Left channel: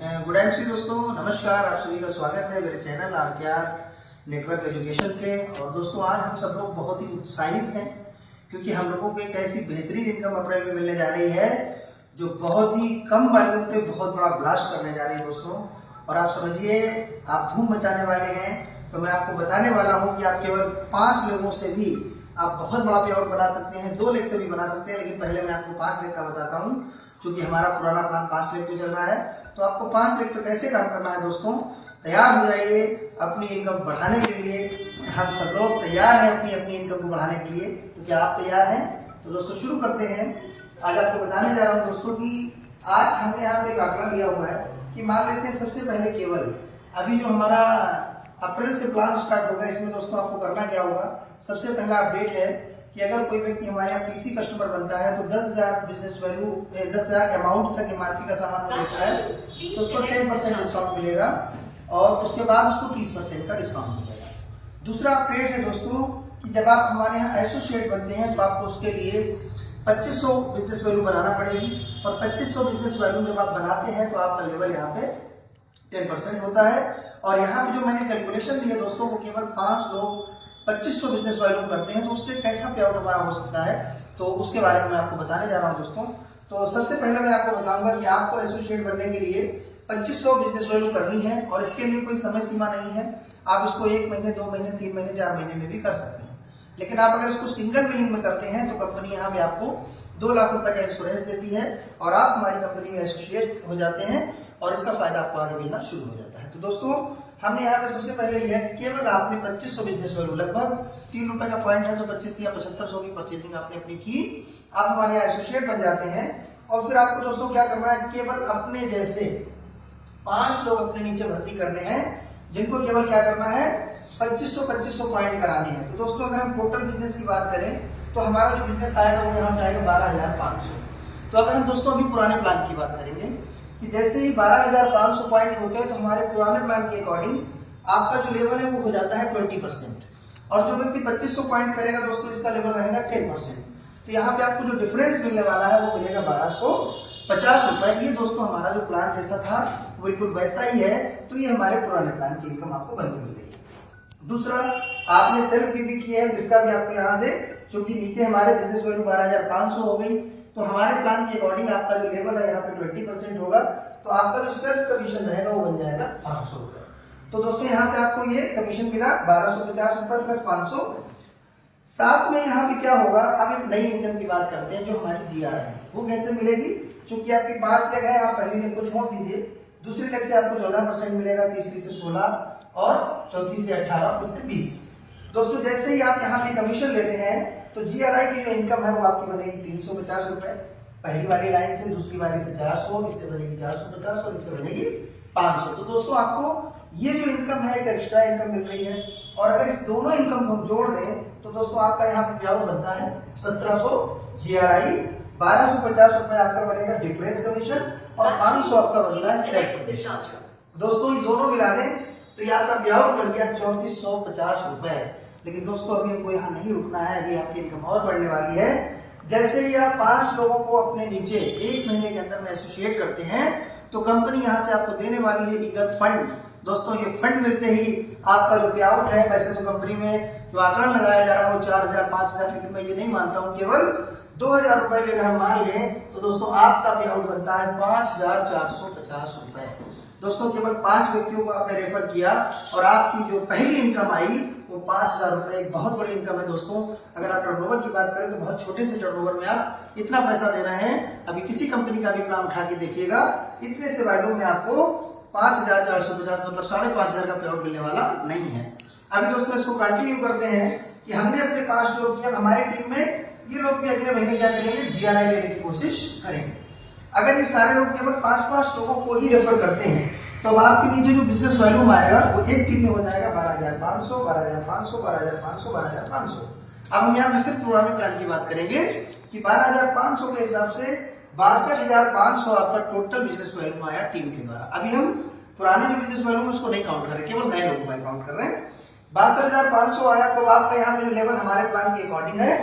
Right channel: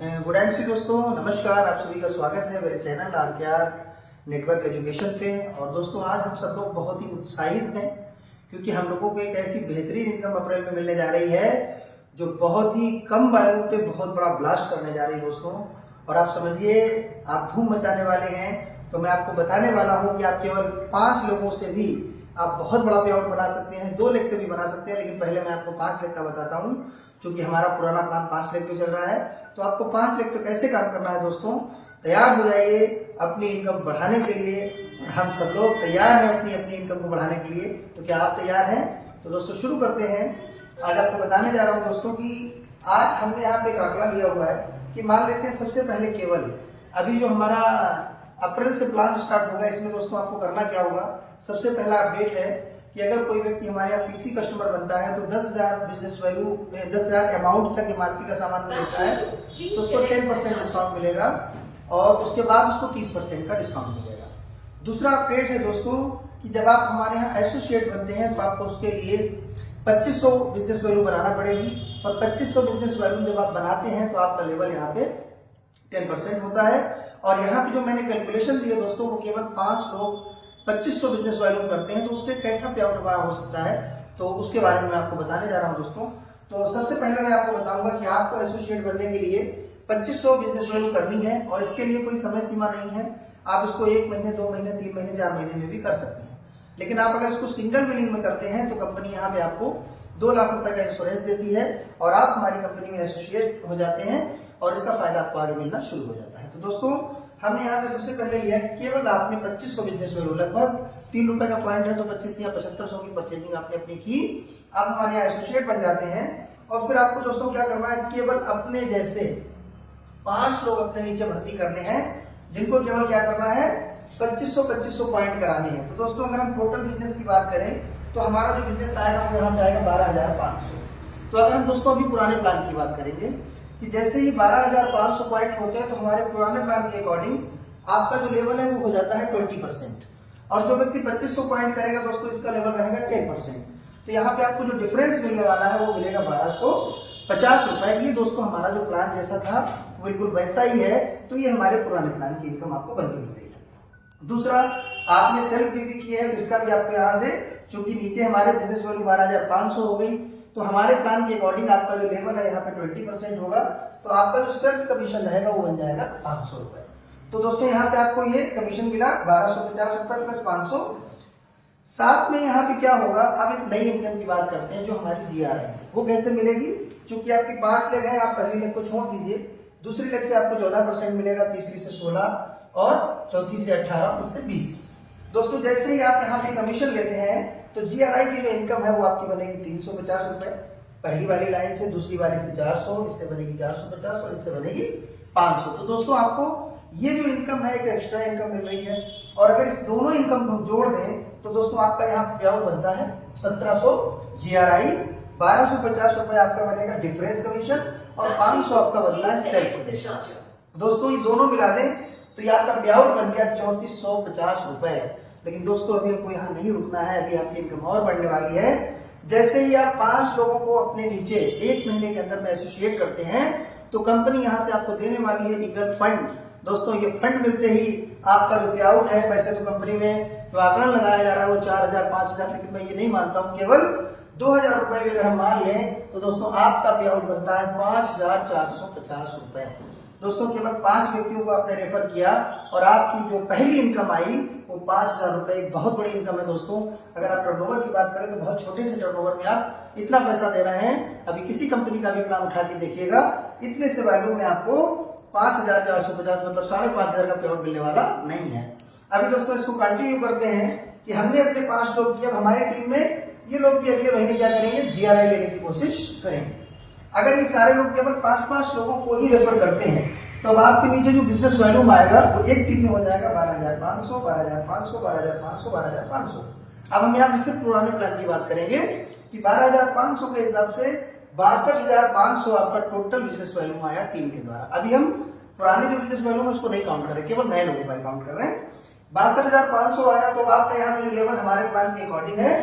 Good evening दोस्तों, नमस्कार। आप सभी का स्वागत है मेरे चैनल RKR नेटवर्क एजुकेशन पे। और दोस्तों आज हम सब लोग बहुत ही उत्साहित हैं क्योंकि हम लोगों को एक ऐसी बेहतरीन इनकम अप्रैल में मिलने जा रही है जो बहुत ही कम वायरों पे बहुत बड़ा ब्लास्ट करने जा रही है दोस्तों। और आप समझिए, आप धूम मचाने वाले हैं। तो मैं आपको बताने वाला हूँ कि आप केवल 5 लोगों से भी आप बहुत बड़ा पे आउट बना सकते हैं, 2 लाख से भी बना सकते हैं। लेकिन पहले मैं आपको 5 लाख का बताता हूँ क्योंकि हमारा पुराना प्लान 5 लाख पे चल रहा है। तो आपको 5 लाख पे कैसे काम करना है दोस्तों, तैयार हो जाइए अपनी इनकम बढ़ाने के लिए। हम सब लोग तैयार हैं अपनी अपनी इनकम को बढ़ाने के लिए। तो क्या आप तैयार हैं? तो दोस्तों शुरू करते हैं। आज आपको बताने जा रहा हूँ दोस्तों कि आज हमने यहाँ पे एक आंकड़ा लिया हुआ है कि मान लेते हैं सबसे पहले केवल अभी जो हमारा अप्रैल से प्लान स्टार्ट होगा, इसमें दोस्तों आपको करना क्या होगा। सबसे पहला अपडेट है कि अगर कोई व्यक्ति हमारे यहाँ पीसी कस्टमर बनता है तो 10,000 बिजनेस वैल्यू 10,000 अमाउंट तक MRP का सामान लेता है तो उसको 10% डिस्काउंट मिलेगा और उसके बाद उसको 30% का डिस्काउंट मिलेगा। दूसरा अपडेट है दोस्तों कि जब आप हमारे यहाँ एसोसिएट बनते हैं तो आपको उसके लिए 2500 बिजनेस वैल्यू बनाना पड़ेगी। और 2500 बिजनेस वैल्यू जब आप बनाते हैं तो आपका लेवल यहाँ पे 10% होता है। और यहाँ पे जो मैंने कैलकुलेशन दी है दोस्तों, वो केवल 5 लोग 2500 बिजनेस वैल्यू करते हैं तो उससे कैसा पे आउट हमारा हो सकता है, तो उसके बारे में मैं आपको बताने जा रहा हूँ दोस्तों। तो सबसे पहले मैं आपको बताऊंगा कि आपको एसोसिएट बनने के लिए 2500 बिजनेस वैल्यू करनी है और इसके लिए कोई समय सीमा नहीं है। आप इसको 1 महीने, 2 महीने, 3 महीने, 4 महीने में भी कर सकते हैं। लेकिन आप अगर इसको सिंगल बिलिंग में करते हैं तो कंपनी यहाँ पे आपको 2 लाख रुपए का इंश्योरेंस देती है और आप हमारी कंपनी में एसोसिएट हो जाते हैं और इसका फायदा आपको आगे मिलना शुरू हो जाता है। तो दोस्तों हमने यहाँ पे सबसे पहले लिया है कि केवल आपने 2500 बिजनेस वैल्यू, लगभग 3 रुपए का पॉइंट है तो 25 या 7500 की परचेजिंग आपने अपनी की, आप हमारे यहाँ एसोसिएट बन जाते हैं। और फिर आपको दोस्तों क्या करना है, केवल अपने जैसे 5 लोग अपने नीचे भर्ती करने हैं जिनको केवल क्या करना है 2500 पॉइंट कराने हैं। तो दोस्तों अगर हम टोटल बिजनेस की बात करें तो हमारा जो बिजनेस आएगा वो यहाँ पे आएगा 12,500। तो अगर हम दोस्तों अभी पुराने प्लान की बात करेंगे कि जैसे ही 12,500 पॉइंट होते हैं तो हमारे पुराने प्लान के अकॉर्डिंग आपका जो लेवल है वो हो जाता है 20%। और जो व्यक्ति 2500 पॉइंट करेगा दोस्तों इसका लेवल रहेगा 10%। तो यहाँ पे आपको जो डिफरेंस मिलने वाला है वो मिलेगा 1250 रुपए। ये दोस्तों हमारा जो प्लान जैसा था बिल्कुल वैसा ही है। तो ये हमारे पुराने प्लान की इनकम आपको बनती मिल रही है। दूसरा, आपने सेल्फ भी किया है जिसका भी आपको यहाँ से, चूंकि नीचे हमारे बिजनेस वैल्यू 12,500 हो गई तो हमारे प्लान के अकॉर्डिंग आपका जो लेवल है यहाँ पे 20% होगा तो आपका जो सेल्फ कमीशन रहेगा वो बन जाएगा 500 रुपए। तो दोस्तों यहाँ पे आपको ये कमीशन मिला 1250 रुपए प्लस 500। साथ में यहाँ पे क्या होगा, अब एक नई इनकम की बात करते हैं जो हमारी GR है वो कैसे मिलेगी। चूंकि आपकी 5 लेग है, आप पहली लेग को छोड़ दीजिए, दूसरी लेग से आपको 14% मिलेगा, तीसरी से 16 और चौथी से 18, इससे 20। दोस्तों जैसे ही आप यहाँ पे कमीशन लेते हैं तो GRI की जो इनकम है वो आपकी बनेगी 350 रुपए पहली वाली लाइन से, दूसरी वाली से 400, इससे बनेगी 450 और इससे बनेगी 500। तो दोस्तों आपको ये जो इनकम है एक एक्स्ट्रा इनकम मिल रही है। और अगर इस दोनों इनकम को जोड़ दें तो दोस्तों आपका यहाँ ब्याज बनता है 1700 GRI, 1250 रुपए आपका बनेगा डिफरेंस कमीशन और 500 आपका बनता है सेल्फ कमीशन। दोस्तों ये दोनों मिला दें तो ये आपका ब्याज बन गया 3450 रुपए। लेकिन दोस्तों अभी हमको यहाँ नहीं रुकना है, अभी आपकी इनकम और बढ़ने वाली है। जैसे ही आप 5 लोगों को अपने नीचे 1 महीने के अंदर में एसोसिएट करते हैं तो कंपनी यहाँ से आपको देने वाली है एक फंड। दोस्तों ये फंड मिलते ही आपका जो पे आउट है पैसे तो कंपनी में जो आंकड़ा लगाया जा रहा है वो 4,000 5,000, लेकिन मैं ये नहीं मानता हूँ, केवल 2,000 रुपए के अगर हम मान लें तो दोस्तों आपका पे आउट बनता है 5,450 रुपए। दोस्तों केवल 5 व्यक्तियों को आपने रेफर किया और आपकी जो पहली इनकम आई वो 5,000 रुपए, एक बहुत बड़ी इनकम है दोस्तों। अगर आप टर्नओवर की बात करें तो बहुत छोटे से टर्नओवर में आप इतना पैसा दे रहे हैं। अभी किसी कंपनी का भी प्लान उठा के देखिएगा, इतने से वैल्यू में आपको 5,450 मतलब 5,500 का पे आउट मिलने वाला नहीं है। अभी दोस्तों इसको कंटिन्यू करते हैं कि हमने अपने 5 लोग किया, हमारी टीम में ये लोग भी अगले महीने क्या करेंगे, GRI लेने की कोशिश करेंगे। अगर ये सारे लोग केवल 5-5 लोगों को ही रेफर करते हैं तो आपके नीचे जो बिजनेस वैल्यू आएगा वो एक टीम में हो जाएगा 12,500, 12,500, 12,500, 12,500। अब हम यहाँ पे फिर पुराने प्लान की बात करेंगे कि 12,500 के हिसाब से 62,500 आपका टोटल बिजनेस वैल्यू आया टीम के द्वारा। अभी हम पुराने जो बिजनेस वैल्यू है उसको नहीं काउंट कर रहे, केवल नए लोगों का काउंट कर रहे हैं। 62,500 आया तो आपका यहाँ पे लेवल हमारे प्लान के अकॉर्डिंग है,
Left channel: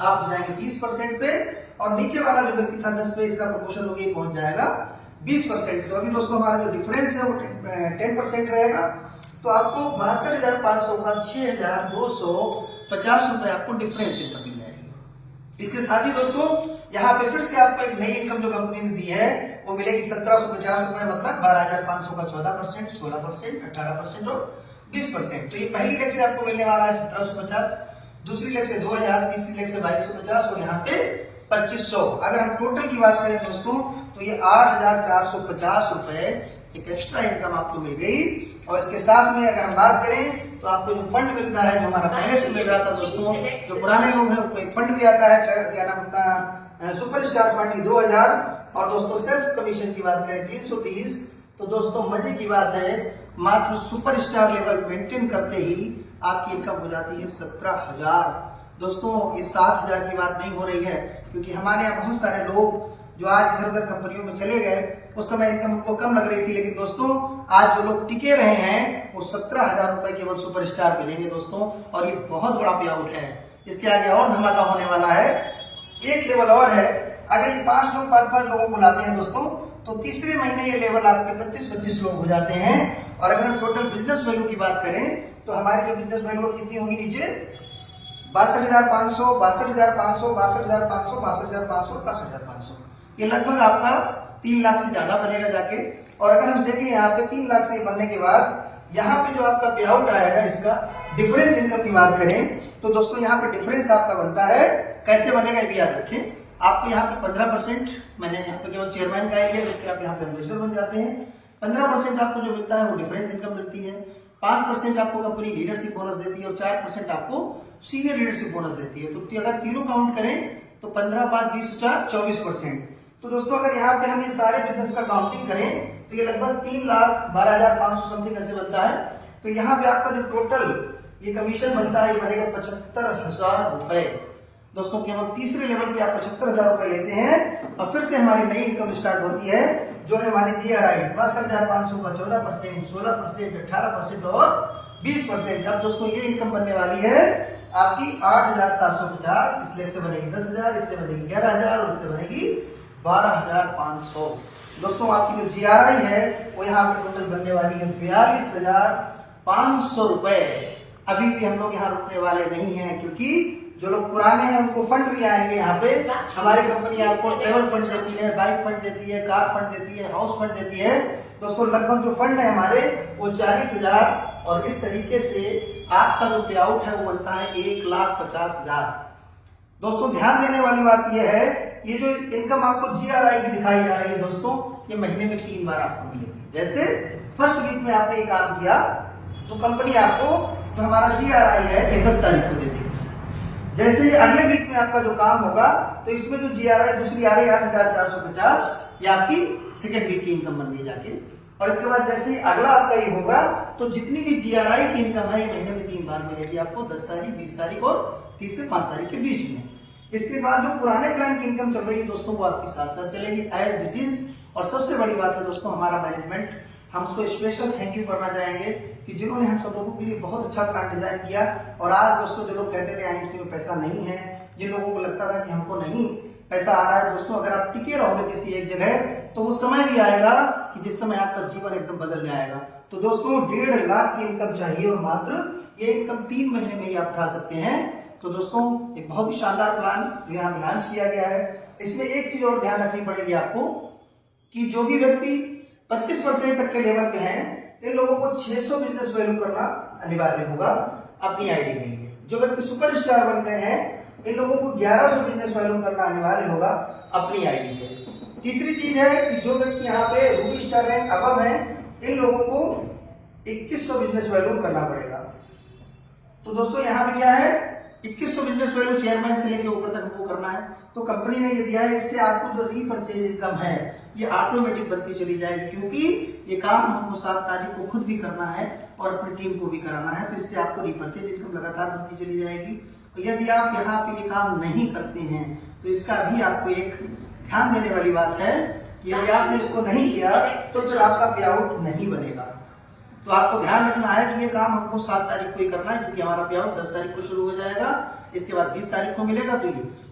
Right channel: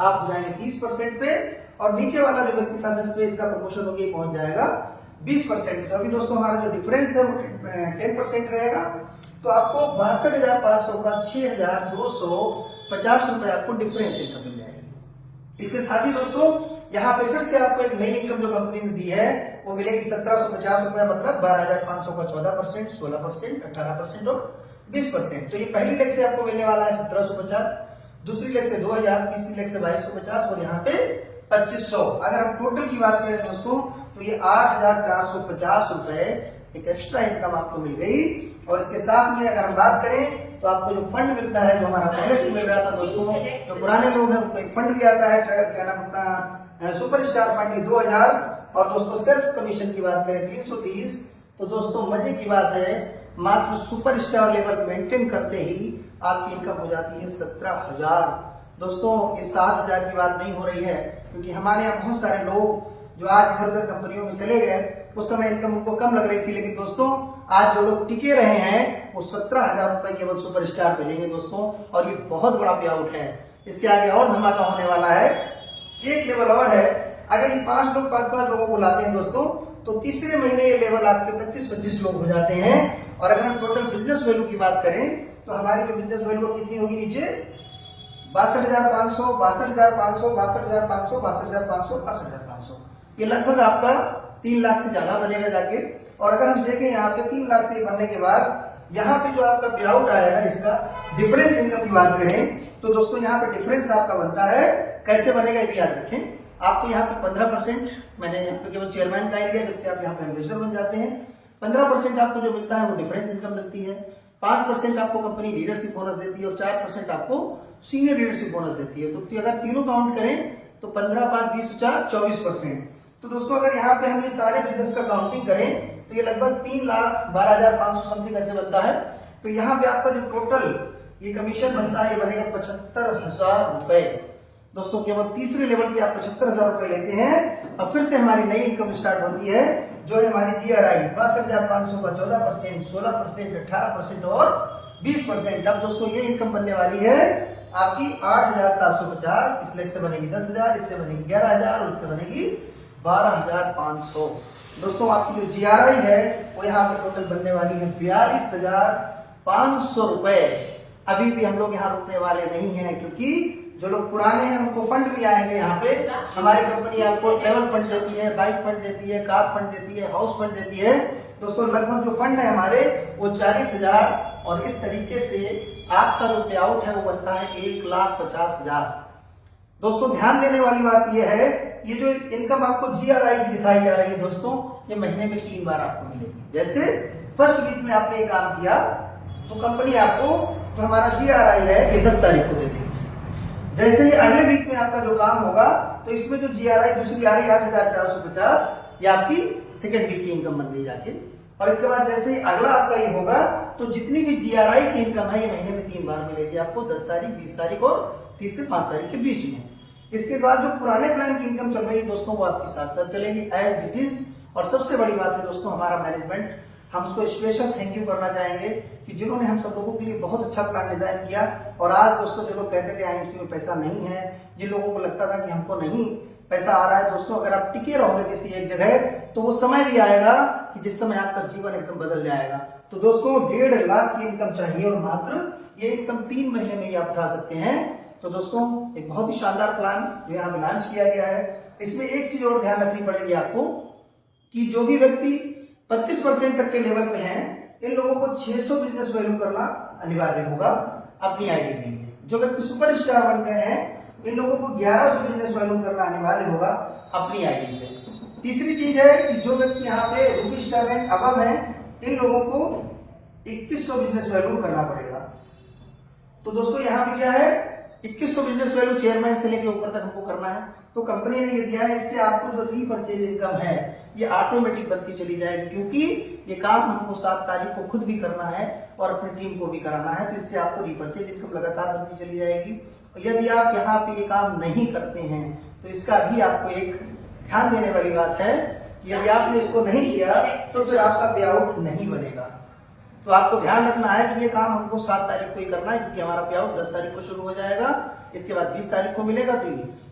आप जाएंगे 30% पे और नीचे वाला जो व्यक्ति था 10 पे इसका प्रमोशन होकर पहुंच जाएगा 20%। तो अभी दोस्तों हमारा जो डिफरेंस है वो 10% रहेगा। तो आपको 62,500 का 6,250 रुपए आपको डिफरेंस इनकम मिल जाएगी। इसके साथ ही दोस्तों यहाँ पे फिर से आपको एक नई इनकम जो कंपनी ने दी है वो मिलेगी 1750 रुपए, मतलब 12,500 का 14%, 16%, 18% और 20%। तो ये पहली लेग से आपको मिलने वाला है 1750, दूसरी लेग से 2000, तीसरी लेग से 2250 और यहाँ पे 2500। अगर हम टोटल की बात करें दोस्तों तो ये 8,450 रुपए एक एक्स्ट्रा इनकम आपको मिल गई। और इसके साथ में अगर हम बात करें तो आपको जो फंड मिलता है, जो हमारा पहले से मिल रहा था दोस्तों, जो पुराने लोग हैं उनको एक फंड भी आता है, क्या नाम अपना सुपर स्टार फंड 2000। और दोस्तों सेल्फ कमीशन की बात करें 330। तो दोस्तों मजे की बात है, मात्र सुपर स्टार लेवल मेंटेन करते ही आपकी इनकम हो जाती है 17,000। दोस्तों इस 7,000 की बात नहीं हो रही है, क्योंकि हमारे यहाँ बहुत सारे लोग जो आज इधर उधर कंपनियों में चले गए, उस समय इनकम उनको कम लग रही थी, लेकिन दोस्तों आज जो लोग टिके रहे हैं वो 17,000 रुपए केवल सुपर स्टार पे लेंगे दोस्तों। और ये बहुत बड़ा पे आउट है। इसके आगे और धमाका होने वाला है। एक लेवल और है, अगर ये 5 लोग 5-5 लोगों को लाते हैं दोस्तों, तो तीसरे महीने ये लेवल आपके 25-25 लोग हो जाते हैं। और अगर हम टोटल बिजनेस वैल्यू की बात करें तो हमारी जो बिजनेस वैल्यू कितनी होगी, नीचे 62,500, 62,500, 62,500, 62,500, 62,500, ये लगभग आपका 3 लाख से ज्यादा बनेगा जाके। और अगर हम देखें यहाँ पे 3 लाख से बनने के बाद यहाँ पे जो आपका पे आउट आएगा, इसका डिफरेंस इनकम की बात करें तो दोस्तों यहाँ पे डिफरेंस आपका बनता है, कैसे बनेगा ये भी याद रखें। आपको यहाँ पे 15%, मैंने यहाँ पे केवल चेयरमैन का ही लिया, जबकि आप यहाँ पे मैनेजर बन जाते हैं। 15% आपको जो मिलता है वो डिफरेंस इनकम मिलती है, 5% आपको कंपनी लीडरशिप बोनस देती है और 4% आपको सीनियर लीडरशिप बोनस देती है। तो अगर तीनों काउंट करें तो 15, 5, 20, 4, 24%। तो दोस्तों अगर यहाँ पे हम ये सारे बिजनेस का काउंटिंग करें तो ये लगभग 3,12,500 समथिंग ऐसे बनता है। तो यहाँ पे आपका जो टोटल ये कमीशन बनता है ये बनेगा 75,000 रुपए। दोस्तों केवल तीसरे लेवल पे आप 75,000 रुपए लेते हैं और फिर से हमारी नई इनकम स्टार्ट होती है, जो है हमारी GRI 62,500 का 14%, 16%, 18% और 20%। अब दोस्तों ये इनकम बनने वाली है आपकी 8,750। इस लेग से बनेगी 10,000, इससे बनेगी 11,000 और इससे बनेगी 12,500। दोस्तों आपकी जो GRI है वो यहाँ पे टोटल बनने वाली है 42,500 रुपए। अभी भी हम लोग यहाँ रुकने वाले नहीं हैं, क्योंकि जो लोग पुराने हैं उनको फंड भी आएंगे। यहाँ पे हमारी कंपनी आपको ट्रेवल फंड देती है, बाइक फंड देती है, कार फंड देती है, हाउस फंड देती है। दोस्तों लगभग जो फंड है हमारे वो 40,000 और इस तरीके से आपका जो पे आउट है वो बनता है 1,50,000। दोस्तों ध्यान देने वाली बात यह है, ये जो इनकम आपको GRI की दिखाई जा रही है दोस्तों, ये महीने में 3 बार आपको मिलेगी। जैसे फर्स्ट वीक में आपने काम किया तो कंपनी आपको जो हमारा GRI है 10 तारीख को दे देगी। जैसे ही अगले वीक में आपका जो काम होगा तो इसमें जो GRI दूसरी आ रही है 8,450, ये आपकी सेकेंड वीक की इनकम बन गई जाके। और इसके बाद जैसे ही अगला आपका ये होगा तो जितनी भी GRI की इनकम है महीने में 3 बार मिलेगी आपको, 10 तारीख, 20 तारीख और 30 से 5 तारीख के बीच में। इसके बाद जो पुराने प्लान की इनकम चल रही है दोस्तों वो आपके साथ साथ चलेगी एज इट इज। और सबसे बड़ी बात है दोस्तों, हमारा मैनेजमेंट, हम उसको स्पेशल थैंक यू करना चाहेंगे कि जिन्होंने हम सब लोगों के लिए बहुत अच्छा प्लान डिजाइन किया। और आज दोस्तों जो लोग कहते थे IMC में पैसा नहीं है, जिन लोगों को लगता था कि हमको नहीं पैसा आ रहा है, दोस्तों अगर आप टिके रहोगे किसी एक जगह तो वो समय भी आएगा कि जिस समय आपका जीवन एकदम बदल जाएगा। तो दोस्तों 1.5 लाख की इनकम चाहिए और मात्र ये इनकम 3 महीने में ही आप उठा सकते हैं। तो दोस्तों एक बहुत ही शानदार प्लान यहाँ लॉन्च किया गया है। इसमें एक चीज और ध्यान रखनी पड़ेगी आपको कि जो भी व्यक्ति 25% तक के लेवल पे हैं, इन लोगों को 600 बिजनेस वैल्यू करना अनिवार्य होगा अपनी आईडी के लिए। जो व्यक्ति सुपर स्टार बन गए हैं, इन लोगों को 1100 बिजनेस वैल्यू करना अनिवार्य होगा अपनी आईडी पे। तीसरी चीज है कि जो व्यक्ति यहाँ पे रूबी स्टार रैंक अबव है, इन लोगों को 2100 बिजनेस वैल्यू करना पड़ेगा। तो दोस्तों यहाँ पे क्या है, 2100 बिजनेस वैल्यू चेयरमैन से लेकर ऊपर तक हमको करना है। तो कंपनी ने ये दिया है, इससे आपको जो रीपरचेज इनकम है ये ऑटोमेटिक बनती चली जाएगी, क्योंकि ये काम हमको 7 तारीख को खुद भी करना है और अपनी टीम को भी कराना है। तो इससे आपको रीपरचेज इनकम लगातार बनती चली जाएगी। यदि आप यहाँ पे ये काम नहीं करते हैं तो इसका भी आपको एक ध्यान देने वाली बात है कि यदि आपने इसको नहीं किया तो फिर आपका पे आउट नहीं बनेगा। तो आपको ध्यान रखना है कि ये काम हमको 7 तारीख को ही करना है, क्योंकि हमारा पे आउट 10 तारीख को शुरू हो जाएगा, इसके बाद 20 तारीख को मिलेगा।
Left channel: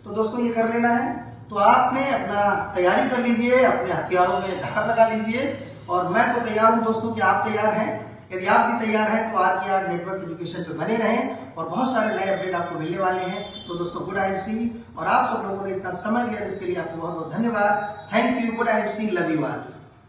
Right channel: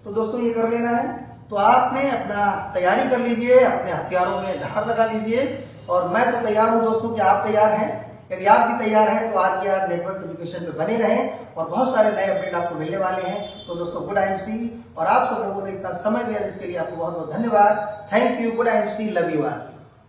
तो दोस्तों ये कर लेना है। तो आपने अपना तैयारी कर लीजिए, अपने हथियारों में धार लगा लीजिए। और मैं तो तैयार हूँ दोस्तों कि आप तैयार हैं। यदि आप भी तैयार हैं तो आज के आप नेटवर्क एजुकेशन पे बने रहें और बहुत सारे नए अपडेट आपको मिलने वाले हैं। तो दोस्तों गुड IMC, और आप सब लोगों ने इतना समय दिया जिसके लिए आपको बहुत बहुत धन्यवाद। Thank you. Good IMC, love you all.